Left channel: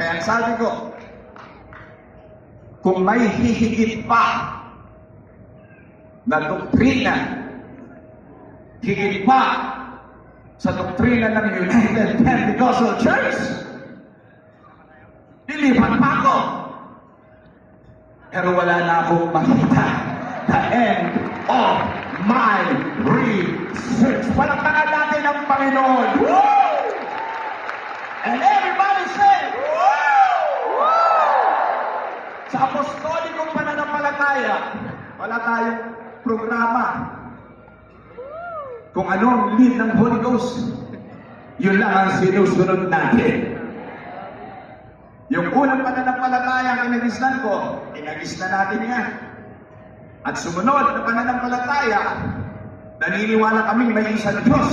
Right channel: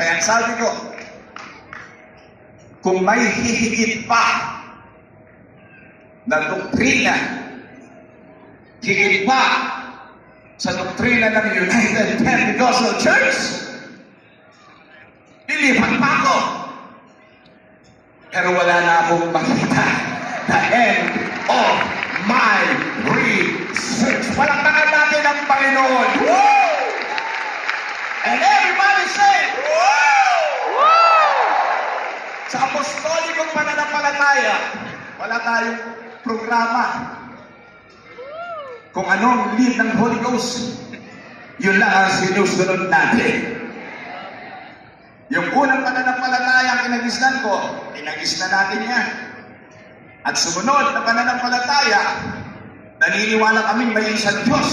Kaya ang sabi ko, kung may hihigit pa na doktrina, higit pa sa doktrina ng United Pentecostal Church, lilipat pa ako. Pero wala na akong makita the end of my research. Palakpakan natin ang Panginoon. Woo! And everybody say, woo! Woo! Sa apostolikong pananampalataya, wala tayong programa. Kung anong lead ng Holy Ghost, yun lang ang sinusunod natin. Yung unang pananampalataya ang kinagisnan ko, kinagisnan natin yan. At sumunod na pananampalataya, naniniwala kaming may isang Diyos.